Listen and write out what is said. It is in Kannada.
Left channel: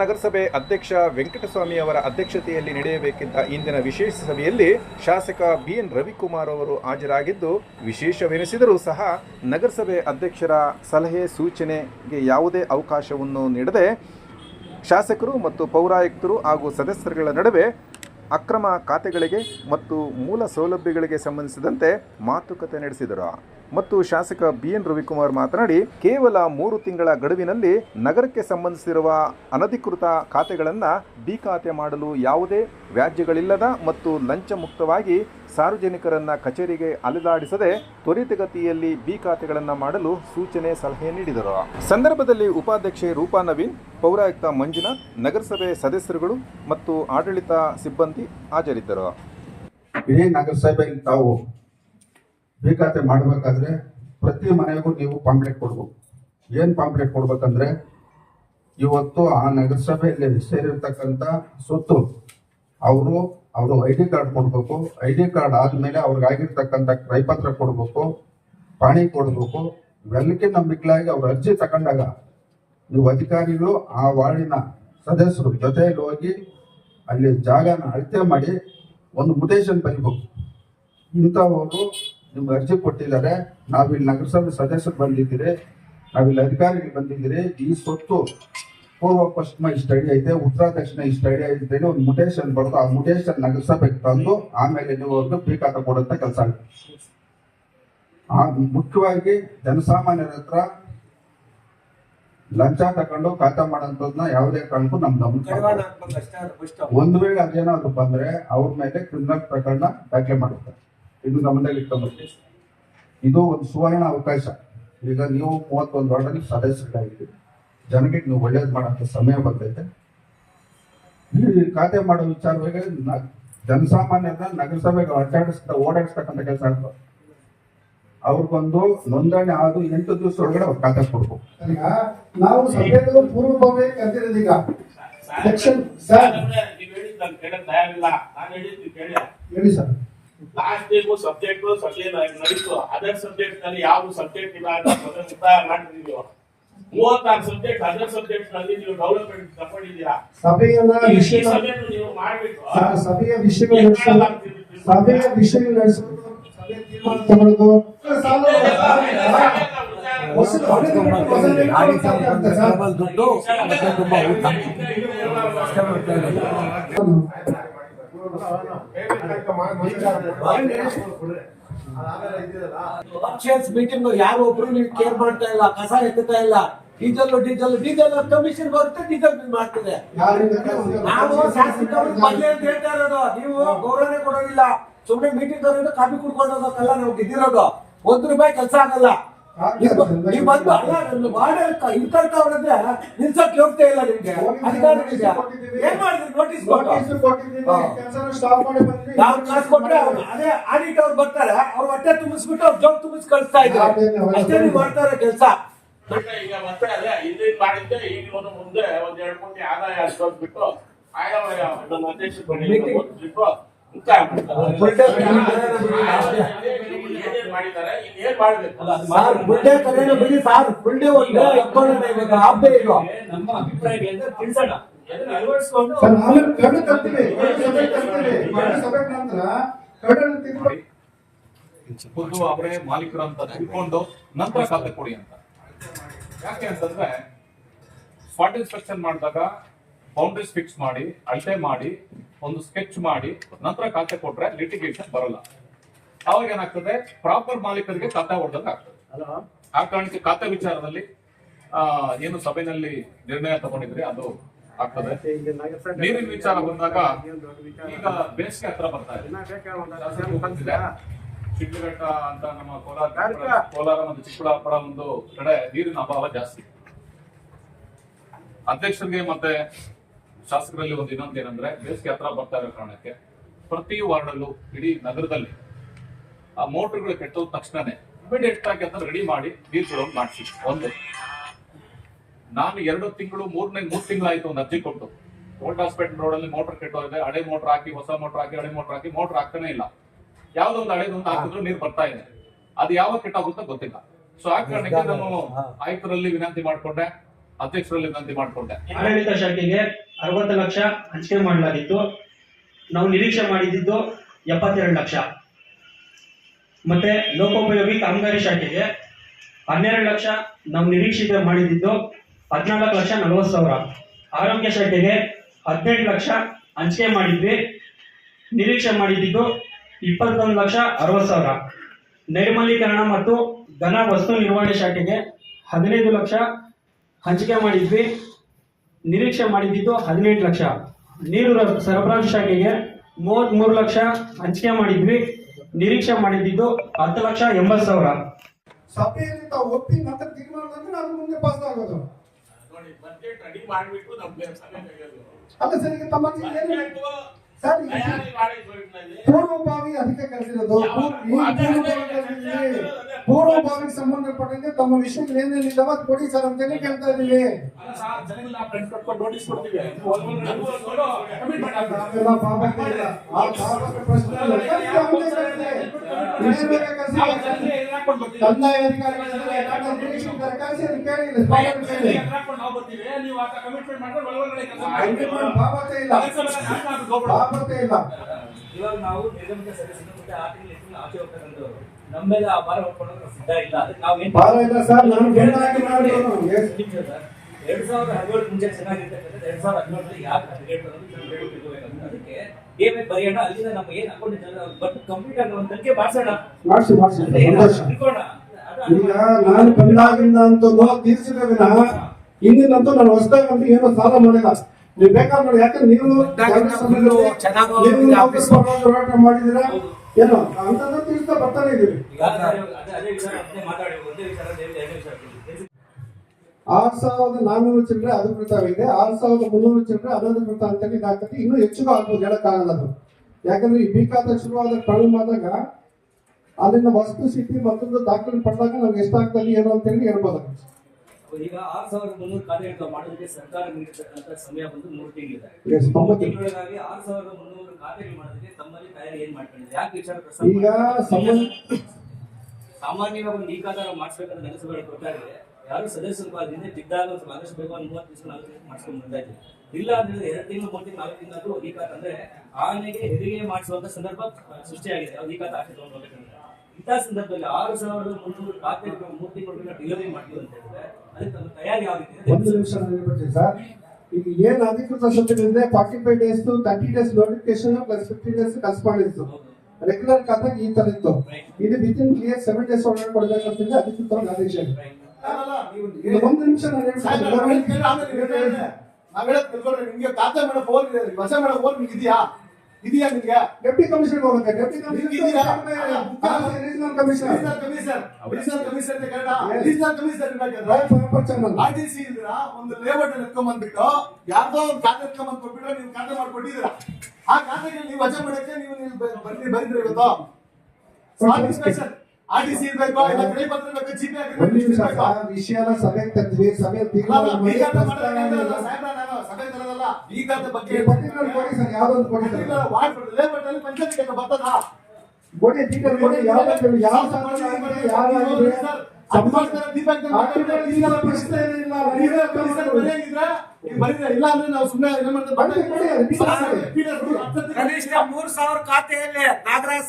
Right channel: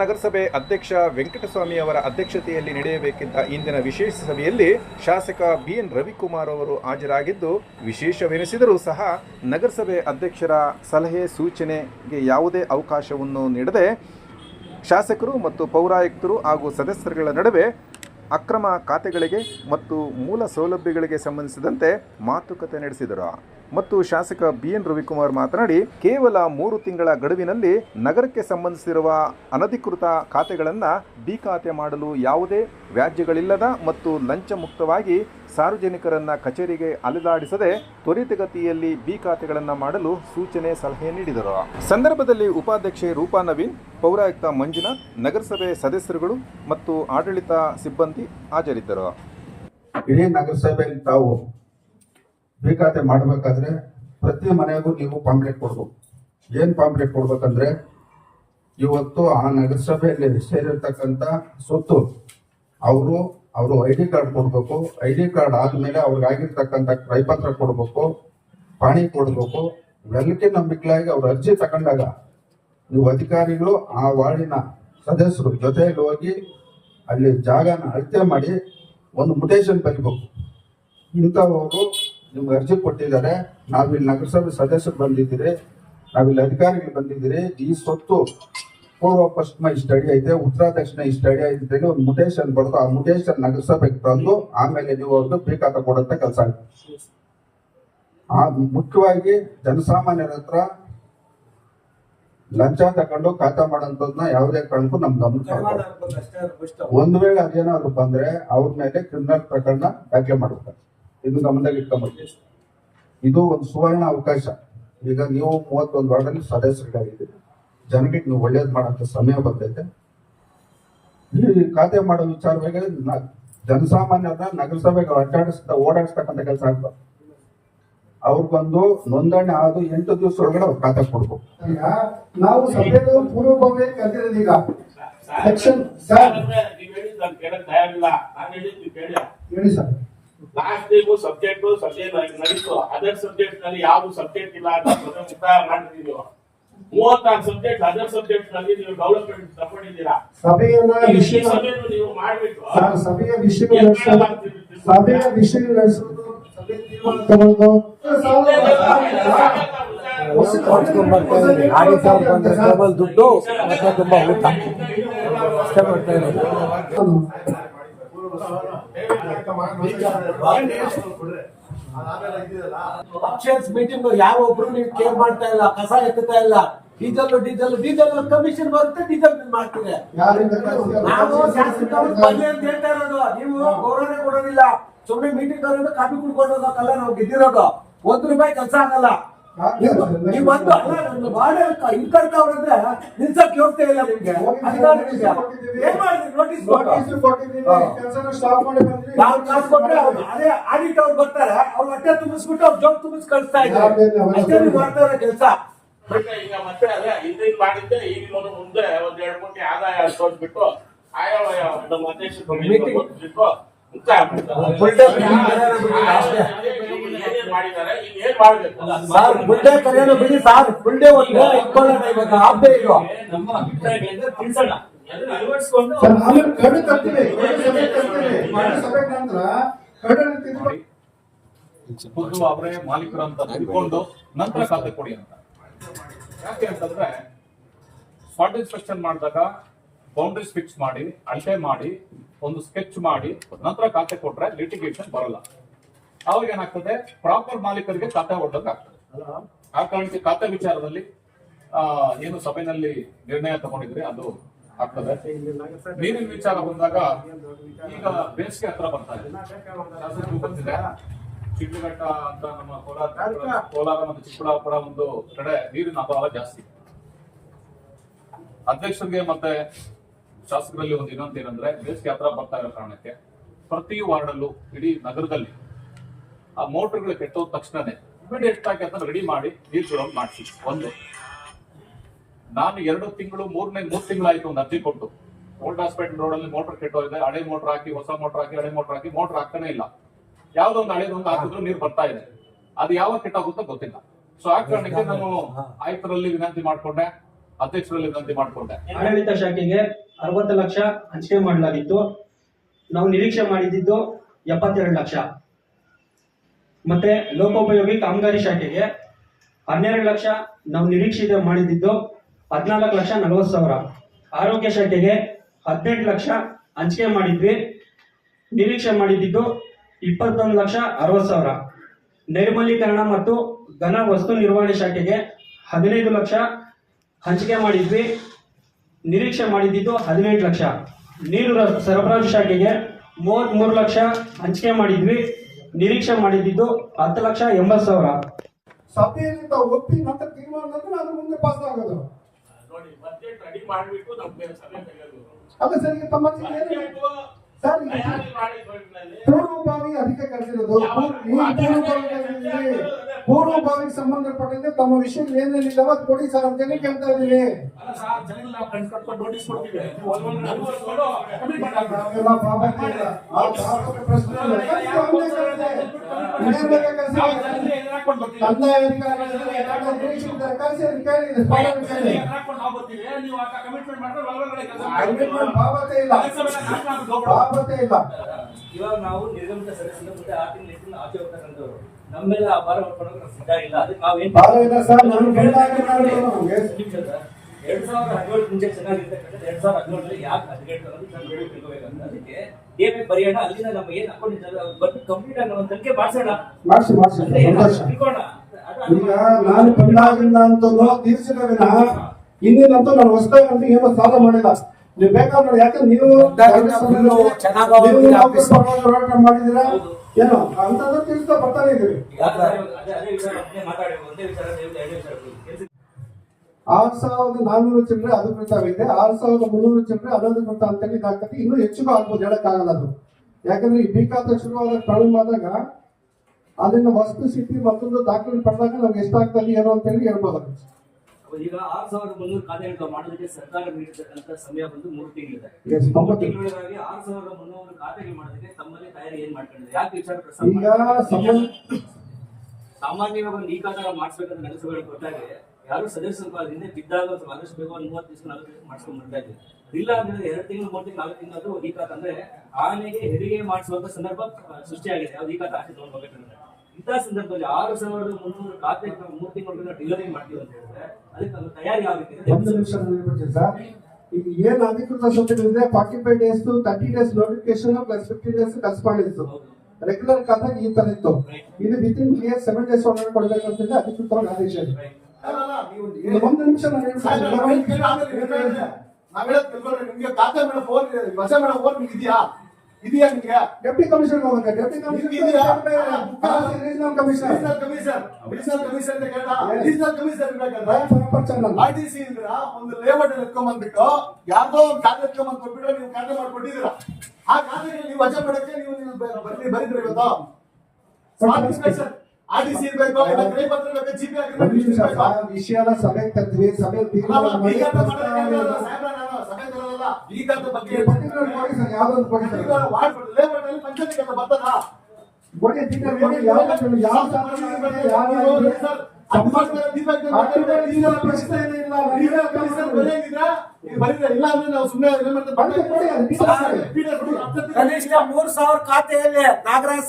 ನಗರಸಭೆ ಅಧ್ಯಕ್ಷ ವೆಂಕಟಸ್ವಾಮಿ ಅವರ ಅಧ್ಯಕ್ಷತೆಯಲ್ಲಿ ನಡೆಯಬೇಕಿದ್ದ ಇಂದಿನ ವಿಶೇಷ ಸಭೆಯಲ್ಲಿ ಶಾಸಕ ಬಿಎನ್ ರವಿಕುಮಾರ್ ಅವರು ಹಾಜರಾಗಿದ್ದು, ವಿಶೇಷವೆನಿಸಿದರೂ ಸಹ ನಗರಸಭೆ ಅಧ್ಯಕ್ಷರ ಸಲಹೆ ಸೂಚನೆಗೆ ಯಾವುದೇ ಅವಕಾಶವನ್ನು ನೀಡದೆ ಶಾಸಕರು ಮತ್ತು ಪೌರಾಯುಕ್ತರು ಹಾಗೂ ಸದಸ್ಯರುಗಳ ನಡುವೆ ಅಕ್ರಮ ಖಾತೆಗಳಿಗೆ ಮತ್ತು ಮೂಲ ಸೌಲಭ್ಯಗಳಿಗೆ ಸಂಬಂಧಿಸಿದಂತೆ ಮಾತುಕತೆ ನಡೆಸಿದರು. ಮತ್ತು ಶಾಸಕ ಬಿಎನ್ ರವಿಕುಮಾರ್ ಮಾತನಾಡಿ, ಕೇವಲ 3 ತಿಂಗಳ ಗಡುವಿನಲ್ಲಿ ನಗರಕ್ಕೆ ಸಂಬಂಧಿಸಿರುವ ಅನಧಿಕೃತ ಖಾತೆಗಳನ್ನು ಬಿ ಖಾತೆ ಮಾಡಲು ಯಾವುದೇ ವ್ಯಾಜ್ಯಗಳಿಲ್ಲದ ಮತ್ತು ಲಂಚ ಮುಕ್ತವಾಗಿ ಸಾರ್ವಜನಿಕರನ್ನ ಕಚೇರಿಗೆ ಅಲೆದಾಡಿಸದೆ ತ್ವರಿತಗತಿಯಲ್ಲಿ ಬಿ ಖಾತೆಗಳನ್ನು ಮಾಡಲು ಸೂಚನೆ ಸಲಹೆ ನೀಡಿದರು. ಸಂದರ್ಭದಲ್ಲಿ ಉಪಾಧ್ಯಕ್ಷೆ ರೂಪಾ ನವೀನ್, ಪೌರಾಯುಕ್ತ ಮಂಜುನಾಥ್, ನಗರಸಭೆ ಸದಸ್ಯರುಗಳು ಮತ್ತು ಆಡಳಿತ ಸಿಬ್ಬಂದಿ ಹಾಜರಿದ್ದರು. ಇಡೀ ನಗರಸಭೆಯಲ್ಲಿ ತಾವು ಬಿ ಖಾತೆ ಮಾಡಬೇಕಾದ್ರೆ ಪ್ರತಿ ಮನೆಗೂ ನೀವು ಪಾಂಪ್ಲೆಟ್ ಕೊಡ್ಬೇಕು. ಏನ್ ಪಾಂಪ್ಲೆಟ್ ಕೊಡ್ಬೇಕಂದ್ರೆ, ಇವತ್ತು ಆ ನಗರಸಭೆಯಲ್ಲಿ ಸೇರಿರ್ತಕ್ಕಂಥ ಸ್ವತ್ತು ಅವರು ID ಕಾರ್ಡ್ ಕೊಡ್ಬೇಕು. ID ಕಾರ್ಡ್ ಆದ್ಮೇಲೆ ಅವ್ರಿಗಾಗಿರ್ತಕ್ಕಂಥ ಕ್ರಯಪತ್ರ ಕೊಡ್ಬೇಕು, ಪಾಣಿ ಕೊಡ್ಬೇಕು. ಇವೆಲ್ಲಕ್ಕಿಂತ ಮಿಕ್ಲಾಗಿ ಅವ್ರ ಅರ್ಜಿ ತಗೊಂಡಾಗ ನೀವು ಅಧಿಕಾರಿಗಳು ಆ ವಾರ್ಡಿನ ಸದಸ್ಯರು ಜೊತೆಯಲ್ಲಿ ಹೋಗಿ ಅಲ್ಲಿ ಜಾಗನ ಅಳತೆ ಮಾಡಿ ಒಂದು ಮುಟೇಶನ್ ಬರಿಬೇಕು. ಇಂಥವರು ನಿಮ್ಗೆ ಅರ್ಜಿ ಕೊಟ್ಟಿದ್ದಾರೆ, ನಾವಿಲ್ಲಿ ನಗರಸಭೆ ಸದಸ್ಯರು ಬಂದಿದ್ದೀರಿ, ನಾವಿಲ್ಲಿ ಅಧಿಕಾರಿಗಳು ಬಂದಿದ್ದೀರಿ, ಈ ಸ್ವತ್ತು ಪೂರ್ವ ಪಶ್ಚಿಮ ಇಷ್ಟು ಅಡಿ ಐತೆ, ಉತ್ತರ ದಕ್ಷಿಣ ಇಷ್ಟು ಅಡಿ ಐತೆ, ಒಂದು ಮುಟೇಶನ್ ಬರೋದು. ಆ ಮುಟೇಶನ್ ನಗರಸಭೆಗೆ ತಂದು ಆಮೇಲೆ ನೀವು ಅವ್ರದ್ದು ಬಿ ಖಾತೆ ಕೊಡಂತ ಕೆಲಸ ಆಗುತ್ತೆ. ಮುಖ್ಯವಾಗಿ ಜನಸಾಮಾನ್ಯರ ಹತ್ರ ಲಂಚ ತಗೊಂಡು ಖಾತೆ ಮಾಡೋಂಥದ್ನ ಯಾವುದೇ ಕಾರಣಕ್ಕೂ ನಮ್ ಗಮನ. ಒಂದು ವೇಳೆ ಅದೇನಾದ್ರು ಬಂದ್ರೆ ಅವ್ರ ಮೇಲೆ ಕ್ರಿಮಿನಲ್ ಪ್ರಕರಣ ದಾಖಲೆ ಮಾಡುತ್ತಾರೆ. ಇದು ಗಮನದಲ್ಲಿ ಇಟ್ಕೊಂಡ್ಬರ್ತೀವಿ. ಇದು ಒಂದು ಸುವರ್ಣ ಅವಕಾಶ. ಈಗ ನೀವು 31 ವಾರ್ಡಲ್ಲಿ ಸದಸ್ಯರಾಗಿದ್ದೀರಿ, ಜನರಿಗೆ ನೀವು ಒಳ್ಳೇದು ಮಾಡೋಂಥ ಸಮಯ ಬಂದೈತೆ. ಈ ಖಾತೆ ಮಾಡೋ ವಿಚಾರವಾಗಿ ಜನಸಾಮಾನ್ಯರನ್ನ ನಗರಸಭೆಗೆ ಓಡಾಡಿಸ್ತಕ್ಕಂಥ ಕೆಲಸ ಆಗ್ತದೆ. ಅವ್ರಿಗೊಂದು ನೋಂದಣಿ ಆದು 8 ದಿವಸ ಒಳಗಡೆ ಅವ್ರು ಖಾತೆ ಕೊಡ್ಬೇಕು. ನಾವು ಸಭೆಗೆ ಪೂರ್ವಭಾವಿ ಕರೆದಿರೋದು. ಈಗ ಸೆಕ್ಷನ್ ಸರ್ ಹೇಳಿ ಸರ್. ಲಾಸ್ಟ್ ಸಬ್ಜೆಕ್ಟ್ ನಡೀತು. ಅದರ್ ಸಬ್ಜೆಕ್ಟ್ ನಲ್ಲಿ ಯಾವ್ದು ಸಬ್ಜೆಕ್ಟ್ ಇಲ್ಲ ಅಂತ ಮಾಡಿದೀವಿ. 34 ಸಬ್ಜೆಕ್ಟ್ ಅದರ್ ಸಬ್ಜೆಕ್ಟ್ ನಲ್ಲಿ ನೀವು ಡೆವಲಪ್ಮೆಂಟ್ ತಗೊಂಡಿದ್ದೀರಾ. ಸಭೆಯ ವಿಷಯ ನೀವು ಮಾಡ್ಬೇಕು. ಸಭೆಯ ವಿಷಯ ನಡೆಸೋದು, ಸಭೆ ತೀರ್ಮಾನ ತಗೊಳ್ಳೋದು. ದುಡ್ಡು ಮತ್ತೆ ತುಂಬಾ ಊಟ ಇಷ್ಟ ಮಾಡ್ತಾ ಇದ್ದಾರೆ. ಮೀಟಿಂಗ್ ಯಾರು ಒಬ್ರು ನೀವು ಕೇರ್ ಮಾಡ್ತಾ ಇಲ್ಲ, ಕಸ ಎತ್ತುತ್ತಾ ಇಲ್ಲ. ಡೀಸೆಲ್ ಕಮಿಷನ್ ಬರುತ್ತೆ, ಡೀಸೆಲ್ ಬಿಲ್ ಮಾಡ್ತದೆ. ನಾವು ಶಾಸಕರು ಬನ್ನಿ ಅಂತ ಹೇಳ್ತಾ ಇರೋದು, ನೀವು ಗೌರವನೇ ಕೊಡೋದಿಲ್ಲ. ಸುಮ್ಮನೆ ಮೀಟಿಂಗ್ ಕರೆಯೋದು, ಕಾಫಿ ಕುಡ್ಕೊಂಡು ಹೋಗೋಕಲ್ಲ ನಾವು ಗೆದ್ದಿರೋದು. ₹1 ಕೆಲಸ ಆಗಲ್ಲ. ನೀವು ಬಂದು ಇವ್ಕರ್ತಾವ್ರಂದ್ರೆ ನಿಲ್ಸಕ್ ಯೋಗ್ಯತೆ ಇಲ್ಲ ನಿಮ್ಗೆ. ಅಧಿಕಾರಿಗಳಿಗೆ ಏನ್ ಮಾಡಿದ್ರಿ? ನೋಟಿಸ್ ನಾವು ಕಾಸು ಕೊಟ್ರೆ ಅದೇ ಆಡಿಟ್ ಅವ್ರು ಬರ್ತಾರೆ, ಅವ್ರು ಹೊಟ್ಟೆ ತುಂಬಿಸ್ಬಿಟ್ಟು ಅವ್ರು ಜೋಗ್ ತುಂಬಿಸ್ ಕಳಿಸ್ತಾ ಇದ್ದಾರೆ. ಅಷ್ಟೇ ನೀವು ಮಾಡ್ತಾರೆ ಕೆಲಸ. ಈಗ ಮತ್ತೆ ಅದೇ ಹಿಂದಿನ ಮಾಡಿದ್ದೆ ಈಗ ಮುಂದೆ 1-2 ಕೋಟಿ ಆದಾಯ ಅನ್ಸ್ಬಿಟ್ಟು ನಮ್ಮ ಅಧ್ಯಕ್ಷರು ಮಾಡಿದ್ದಾರೆ. ಏನ್ ಮಾಡ್ಬೇಕು ಮುಂದೆ ಕರೆಯೋಣ ಬಿಡಿ ಸರ್. ಫುಲ್ ಡೇ ಒಂದು ಇಟ್ಕೊಳ್ಳೋಣ. ಇವಾಗ ಆಫ್ಡೇ ಇಲ್ಲ. ನಮ್ಮ ಅಭಿಪ್ರಾಯಗಳಿಂದ ತಿಳಿಸೋಣ, ಅದನ್ನ ಅಳವಡಿಸಿಕೊಂಡು ಖುದ್ದು ಅವರೇ ಮಾಲೀಕರು ಅಂತ ತಿಳ್ಕೊಂಡು ನಂತರ ಖಾತೆ ಕೊಡಿ ಅಂತ. ಯಾಕೆ ಅಂತಂದ್ರೆ ಸ್ಪಾಟ್ ಇನ್ಸ್ಪೆಕ್ಷನ್ ಮಾಡಿದಾಗ ಬೌಂಡ್ರೀಸ್ ಫಿಕ್ಸ್ ಮಾಡಿ, ಅಳತೆ ಮಾಡಿ, ಒಂದು ಸ್ಕೆಚ್ ಮಾಡಿ ನಂತರ ಖಾತೆ ಕೊಟ್ರೆ ಲಿಟಿಗೇಷನ್ ಬರಲ್ಲ. ಅವಾಗ ಏನಾಗ್ತದೆ, ಪ್ರಾಪರ್ ಮಾಲೀಕರಿಗೆ ಖಾತೆ ಹೊಡೆದಂಗೆ ಆಗ್ತದೆ. ಆ ಕಾರಣಕ್ಕೆ ಖಾತೆ ವಿಚಾರದಲ್ಲಿ ಏನು ಸಭೆಯಲ್ಲಿ ನಿರ್ಣಯ ತಗೊಂಡಿದ್ರೆ ಅದು ಆಗ್ತದೆ. ನೀರಿನ ವಿಚಾರ ಬಂದಾಗ ಈಗ ಬೇಸಿಗೆ ಹತ್ರ ಬರ್ತಾ ಇದೆ. ಶಿಡ್ಲಘಟ್ಟ ಅಂತ ನಮ್ಮ ಕೋಲಾರ ಮತ್ತು ಚಿಕ್ಕಬಳ್ಳಾಪುರ ಒಂದು ಕಡೆ ನೀರಿನ ಅಭಾವ ಜಾಸ್ತಿ. ಅಧ್ಯಕ್ಷರಿಗೆ ಮತ್ತೆ ಶಾಸಕರಲ್ಲಿ ಒಂದು ಇನ್ನೊಂದು ಏನಂದ್ರೆ, ಬೇಸಿಗೆ ಹತ್ರ ಬರ್ತಾ ಇರೋ ಕಾರಣಕ್ಕೆ ಪ್ರತಿ ವಾರ್ಡಲ್ಲೂ ಇಡೀ ನಗರದಲ್ಲಿ ಆ ಮೋಟರ್ಗಳು ಕೆಟ್ಟೋದ ತಕ್ಷಣನೇ ಇಮಿಡಿಯೇಟ್ ಆಗಿ ಅದನ್ನ ರೆಡಿ ಮಾಡಿ ನೀರು ಬಿಡೋದು ಮಾಡಿಸಿ. ಒಂದು ನಾನು 2 ತಿಂಗಳು 3 ತಿಂಗಳಾಯ್ತು ಒಂದು ಅರ್ಜಿ ಕೊಟ್ಟು. ಓಲ್ಡ್ ಹಾಸ್ಪಿಟಲ್ ರೋಡ್ ಅಲ್ಲಿ ಮೋಟರ್ ಕೆಟ್ಟೋಗಿದೆ, ಹಳೆ ಮೋಟರ್ ಹಾಕಿ ಹೊಸ ಮೋಟರ್ ಹಾಕಿ ಹಳೆ ಮೋಟರ್ ಹಾಕಿ ಮೋಟರ್ ಹಾಕ್ತಾನೆ ಇಲ್ಲ. ಯಾವ್ದೋ ಒಂದು ಹಳೇದೊಂದು ಹಾಕಿದ್ರು ನೀರು ಬರ್ತಾ ಇದೆ, ಅದು ಯಾವಾಗ ಕೆಟ್ಟಾಗುತ್ತೋ ಗೊತ್ತಿಲ್ಲ. ಸೊ ಆ ಕಾರಣಕ್ಕೆ ನಾನು ಆಯುಕ್ತರಲ್ಲಿ ವಿನಂತಿ ಮಾಡ್ಕೊಂಡೆ, ಅಧ್ಯಕ್ಷರಲ್ಲಿ ವಿನಂತಿ ಮಾಡ್ಕೊಂಡೆ. ಆಡಳಿತ ಶಾಖೆಗೆ 60 ಲಕ್ಷ ಹಂಚಿಕೆ ಮಾಡಲಾಗಿತ್ತು. ನಾವು ನಿರೀಕ್ಷೆ ಮಾಡಿದ್ದು 72 ಲಕ್ಷ. ಮತ್ತೆ ಲೋಕೋಪಯೋಗಿ ಕಾಮಗಾರಿ ಶಾಖೆಗೆ 12 ಲಕ್ಷ ನಾವು ನಿರೀಕ್ಷೆ ಮಾಡಿದ್ದು 14,40,000. ಆರೋಗ್ಯ ಶಾಖೆಗೆ 18 ಲಕ್ಷ ಹಂಚಿಕೆ ಮಾಡಿದ್ವಿ, ನಿರೀಕ್ಷೆ ಮಾಡಿದ್ದು 21,60,000. ನೈರ್ಮಲೀಕರಣ ಮತ್ತು ಘನ ವಸ್ತು ನಿರ್ವಹಣೆ ಶಾಖೆಗೆ 15 ಲಕ್ಷ ಹಂಚಿಕೆ ಮಾಡಿದ್ವಿ, ನಿರೀಕ್ಷೆ ಮಾಡಿದ್ದು 18 ಲಕ್ಷ. ನೀರು ಸರಬರಾಜು ಶಾಖೆಗೆ 33 ಲಕ್ಷ ಹಂಚಿಕೆ ಮಾಡಿದ್ವಿ, ನಿರೀಕ್ಷೆ ಮಾಡಿದ್ದು 10,80,000. ಸಭೆಯಲ್ಲಿ ತಾವು ಒಪ್ಪಿ ನಂತರ ತೀರ್ಮಾನ ನಂತರ ಅದು ಮುಂದೆ ಪಾಸ್ ಆಗೋದು. ನೋಡಿ ಬಜೆಟ್ ರೆಡಿ ಮಾಡ್ಬಿಟ್ಟು ನಾವು ಸಭೆ ತೆಗೆದು ಅಲ್ಲ ಸರ್, ಈಗ ತಮ್ಮ ಹತ್ರ ಏನಿದೆ? ಸರ್, ಈಗ ತಯಾರಿ ಮಾಡಿದ್ರಲ್ಲಿ ಪೂರ್ವಭಾವಿ ಅಧಿಕ ಕಳಿಸಿರೋದು ಪೂರ್ವಭಾವಿಗೆ ಸಂಬಂಧಪಟ್ಟಂತೆ ತಮ್ಮ ವಿಷಯಗಳು ಏನೇನಿದ್ದಾವೆ ಅದು ಕೊಡಿ ಸರ್ ಅಂತೇಳಿ ಕೇಳ್ತಾ ಇದೀವಿ. ನಾವೆಲ್ಲ ಪಾಪಕ್ಕೆ ಇಲ್ಲ. ಆ ಪಾಪಕ್ಕೆ ಪ್ರಶ್ನೆ ಇಲ್ಲ. ಕಂದಾಯ ಅಧಿಕಾರಿಗಳಿದ್ದಾರೆ, ಯಾಕಂದ್ರೆ ನಿರೀಕ್ಷಿಸಿದ್ದಾರೆ. ಕಳಿಸಿ ಅದು ಕೇಳಿ, ಸ್ಪಷ್ಟನೆ ಕೇಳಿ. ಪಾಪತೆ ಇಲ್ಲ, ಪಾಪತೆ ಇಲ್ಲ. ಇವಾಗ ನಾವು ನಿರ್ಗಮಿತ ಸದಸ್ಯರು ಮತ್ತೆ 6 ತಿಂಗಳು ಆಚೆ ಹೋಗ್ತಕ್ಕಂಥವ್ರು ನಮ್ಮ ಮೇಲೆ ಆ ಭಾರ ಹೊತ್ಕೊಳ್ಳೋಕೆ ಸಿದ್ಧ ಇಲ್ಲ. ಅದಕ್ಕೆ ನಾವೇನ್ ಭಾಳ ಇಲ್ಲ ಸರ್, ನಾನು ಬೇಡ ಆಗಿ ಮಾಡಿದ್ರು ನಮ್ಗೆ. 2017 ಮುಂಚೆ ಚೆನ್ನಾಗಿರ್ತಕ್ಕಂಥ 2017 ಯಾಕೆ ಹದಿನೇಳು ತಿಳ್ಕೋಬೇಕಂತ ಅದಕ್ಕೆ ಏನೇ ಬರೆಯೋಣ, ಅಲ್ಲಿಂದ ನಮ್ಮ ಏನ್ ಅಕೌಂಟ್ ಬಟ್ ಕಂಪ್ಲೀಟ್ ಆಗೋ ತನಕ ಮಾಡ್ಸೋಣ, ಮಾಡಿಸಿ ಸಂತೋಷ. ತಿಳ್ಕೋಣ. ಈಗ ನಾನು ಬಂದಾಗಿಂದ ಅಂತೂ ತೀರ್ಸಿದ ವಿನ ಹಿಂದಿನಂತೂ ನಾನು ಹೊಸದಾಗಿ ಅಂತೂ ಏನೋ ಸಾಲ ಮಾಡಿಲ್ಲ. ನೀವು ಬೇಕಾದ್ರೆ ನೋಡಿ, ಯಾಕಂದ್ರೆ ನೀವು ಹೋರಾಟ ಮಾಡಿದಿರ ಏನೋ ಅಂತದ್ದು ತೀರ್ಸ್ತಾ ಬರ್ತಾನೆ ಇದೀವಿ. ಅದೇ ವಿಚಾರ ಮಾತಾಡಿ ಒಂದೇ ವಿಚಾರ 6,400 ಚಿಲ್ಲರೆ ಅಧಿಕೃತವಾಗಿದೆ, 6,300 ಚಿಲ್ಲರೆ ಅನಧಿಕೃತ ಅಂತೇಳಿ ಇದಾಗ್ತದೆ. ಇನ್ನೂ ಹೆಚ್ಚಿಗೂ ಆಗ್ಬೋದು, ಹೇಳಕ್ಕಾಗಲ್ಲ ಅದು. ಯಾಕಂದ್ರೆ ಈ ಬೇಕಾದ ಶುರುವಾದ ಪ್ರಾರಂಭ ಅಲ್ಲಿನ ವಸ್ತು ಸ್ಥಿತಿ ಮತ್ತೊಂದು ದಾಖಲೆ ಪಡೆದಾಗ ನಮ್ಗೆ ಎಷ್ಟಾಗ್ತದೆ ಏನೋ ಅಂತೇಳಿ ಹೇಳ್ಬೋದು. ಈಗ 6,300 ಖಾತೆಗಳು ಮಾಡೋದಕ್ಕೆ ಸರ್ಕಾರ ನೀಡಿರ್ತಕ್ಕಂಥ ಸಮಯ ಬಂದು 3 ತಿಂಗಳಿದೆ. 9 ತಿಂಗಳಾಗಿ 6,300 ಖಾತೆಗಳು ಮಾಡೋದಕ್ಕೆ ತಮ್ಮಲ್ಲಿ ತಯಾರಿ ಏನ್ ಮಾಡ್ಕೊಂಡಿದೆ? ಯಾಕೆ ವಿಚಾರ ಈಗ ಸಾಮಾನ್ಯವಾಗಿ ಒಂದು ಈ ಖಾತೆ ಮಾಡಿಸ್ಬೇಕಂತ ನಗರಸಭೆಗಳು ಕೊಟ್ಟಾಗ ಯಾರು ಸದಸ್ಯರು ಹಿಂದೆ ಬಿದ್ದಾಗ ಆದಷ್ಟು ಬೇಗ 30 ದಿವಸ 40 ದಿವಸ ಮಾಡಿಸ್ಕೊಂಡು ಬರ್ತಾ ಇದ್ವಿ. ಇಲ್ಲ ಅಂದ್ರೆ 2 ತಿಂಗಳು 3 ತಿಂಗಳು 4 ತಿಂಗಳು ಈ ಖಾತೆ ಅಂದ್ರೆ ಆನೆಗೆ ಹೆರಿಗೆ ಮಾಡಿಸುವಂತ ಸಂದರ್ಭ ಸೃಷ್ಟಿಯಾಗಿದೆ. ಯಾವ್ದು ಈ ಖಾತೆ ಆಚೆ ತಗೊಂಡ್ಬೇಕಂದ್ರೆ ಇಂಥ ಸಂದರ್ಭದಲ್ಲಿ 6,300 ಖಾತೆಗಳು 3 ತಿಂಗಳ ಡೆಲಿವರಿ ಮಾಡ್ತೀವಿ ಅಂತ ಹೇಳಿದ್ರೆ ಅದಕ್ಕೆ ನಮ್ಮ ತಯಾರಿ ಆಗಿದೆ. ಒಂದು ನಿಮಿಷ ಹೇಳ್ಬಿಡ್ತೀನಿ ಸರ್. ಈಗ ಏನ್ ಅಧಿಕೃತ ಸಭೆಗಳಿದೆ 45 days 30 days notification plus 50 days correspondence regular ಖಾತೆ ಈ ತರ ಇತ್ತು. ಇದು ವಿತಿನ್ ಕ್ಲಿಯರ್ 7 ಡೇಸ್ ಒಳಗಡೆ ಕೊಡ್ಬೇಕಂತ ಅಧಿಕೃತವಾಗಿ ಆದೇಶ ಇದೆ. ಒಂದು ನಿಮಿಷ ನಾನು ನಿಮ್ಗೆ ಖಾತೆ ಮಾಡೋ ಫೋನ್ ಹೊಸ ಮಾಡೋ ಫೋನ್ ಇದೆಯಾ ನಿಮ್ಗೆ? ಡೆಪ್ಟಿ ಕಮಿಷನರ್ ಹೋಗುತ್ತೆ. ಡೆಪ್ಟಿ ಆರ್ಟಿಸಿ ಒಂದು ಲೇಔಟ್ ಎತ್ಕೊಂಡ್ಬಂದ್ಬಿಟ್ಟು ಯಾವ್ದೋ ಒಂದು ಖಾತೆ ಎತ್ಕೊಂಡ್ಬಂದ್ ಕೊಟ್ಬಿಟ್ಟು ನೀವು ಖಾತೆ ಮಾಡ್ಕೊಟ್ಟಿದ್ದೀರಾ. ಆ ಖಾತೆಗೆ ನೀವು ವಜಾ ಮಾಡಕ್ಕೆ ನೀವು ಬರೀದ್ರೆ ಆರ್ಟಿಸಿ ಇರ್ಬೇಕು, ಇಲ್ಲ ಕೈ ಪತ್ರ ಬೇಕು, ಜಿಪಿ ವಿಷಯನ ಸಭೆ ತರ್ತೀವಿ. ಸಭೆ ತೀರ್ಮಾನ ಮಾಡಿ ಯಾವ್ದೊಂದು ಕೊಡಿ ಇಲ್ಲ ಅಂದ್ರೆ ನಾವು ಸುಮ್ಮನೆ ಕನಿಷ್ಠ 3,000 ಖಾತೆಯಲ್ಲಿ ನಾಗರಾಜ್